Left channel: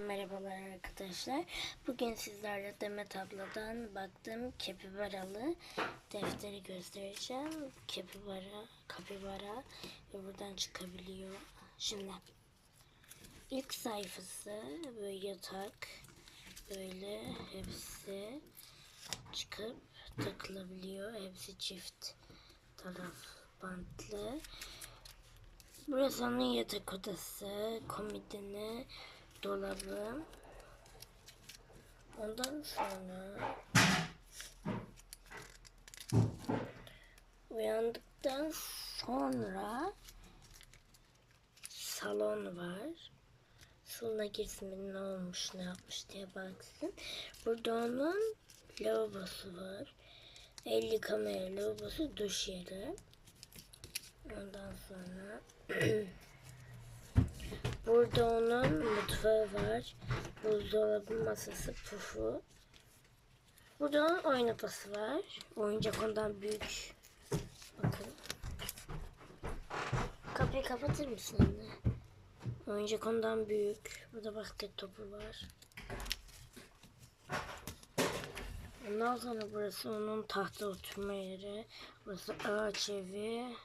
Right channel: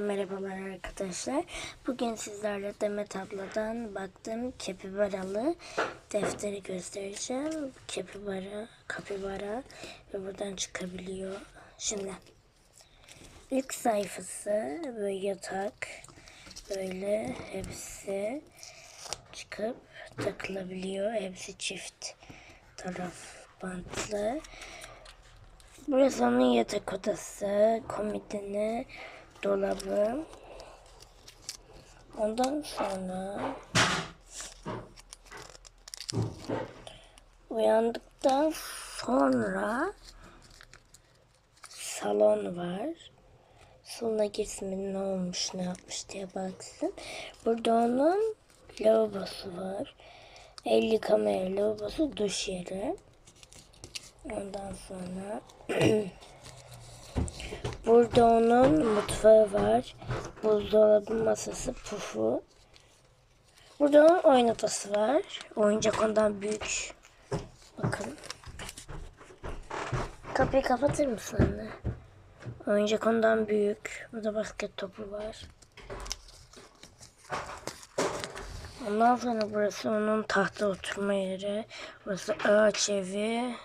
Merhabalar arkadaşlar. Bugün sizlerle Demet abladan baktığım kepibaralı defteri göstereceğim. Kepibara, kapibara ve buradan çıkabiliyor. Şimdi ilk sayfası böyle yatak böyle hepsi çıkıp takılabiliyor. Hepsi çift taraf bantlı. Burası onun yatak odası, komodini, dolabı. Ondan sonra uyandıktan sonra salon var. Salona girsin ne olmuş ne yapmış diye baksın. Burada onun lavabosu var. El yıkama yeri, lavabosu, duş yeri. Ondan sonra Burada onun mutfağı var. Buzdolabı masası, pufu. Burada onun oyun odası var. Oyuncak ondan büyük. Bakın. Kapıyı kapatır mısın anne? Oyuncak ondan büyük. Burada basket topu var. Ondan sonra burası onun tahta oturma yeri. Burası ağaç evi.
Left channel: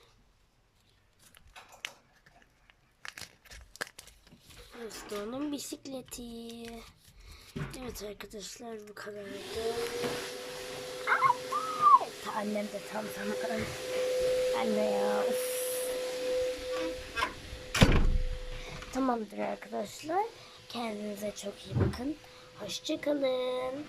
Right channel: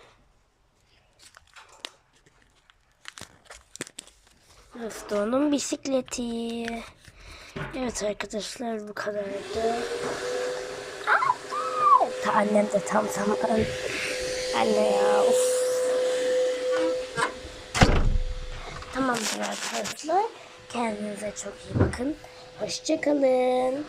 Burası da onun bisikleti. Evet arkadaşlar bu kadardı. Ta annem de tam zaman. Anne ya of. Tamamdır arkadaşlar. Kendinize çok iyi bakın. Hoşçakalın.